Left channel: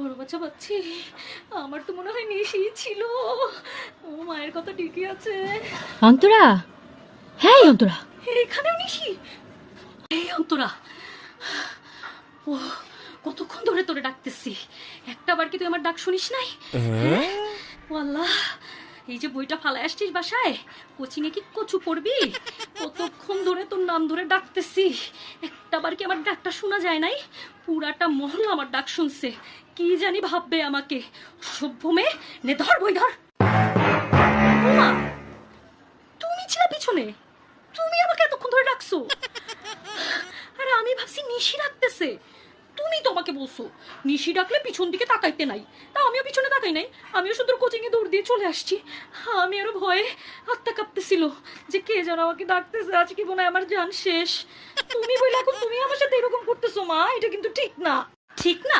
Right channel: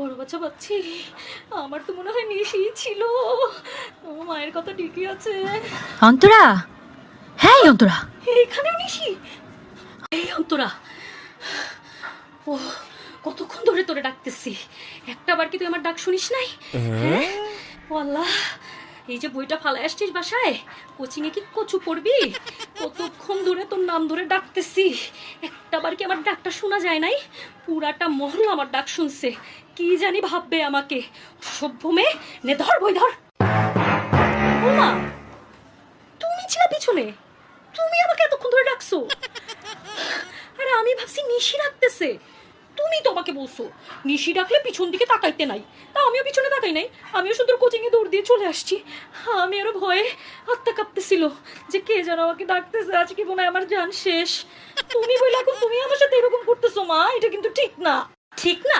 বড় বাচ্চা পাচ্ছি। আমার তো মনে হয় নিশি ছিল। ও মায়ের কথা ঠিকই আছে। অন্তরা, হ্যাঁ অন্তরা, এখানেও নিশি। এই অন্তরা, ও কতক্ষণ ধরে তোরে ডাকতেছি, একটা বার কি তুই আমার ডাক শুনিস নাই? ও আল্লাহ, এই যে বইটা ফালাই আসছিস বাসায়, কোচিং এ কি কচু পড়বি? কতক্ষণ ধরে তোর নাম ধরে ডাকতেছি, একটা বার কি আমার ডাকটা শোনা যায় নাই? পুরাটা মহল আমার ডাক শুনছে, কি জানি ভাববে আমাকে। সভ্য মেয়ে, নে ধর বই ধর। ওমা, তুমি ছিলা পিছনে, তুমি আমাকে এতক্ষণ ধরে ডাকছো। আরে আমি ভাবছি নিশি ডাকতেছে, তুমি তো আমাকে বলছো নিশি ডাকলে পিছন দিকে তাকাইতে নাই, তা আমিও পিছনে তাকাই নাই, আমিও শুধু কোচিং এ দৌড় দিয়ে চলে আসছি। আমি আরো ভয়ে আত্মা কাঁপতেছিল যে কে যেন আমাকে ডাকতেছে, আজকে মনে হয় আমার জান শেষ। তুমি বলে এখন তুমি আমার সাথে এরকম করতেছো মা, এটা কিন্তু ঠিক না। ঠিক না?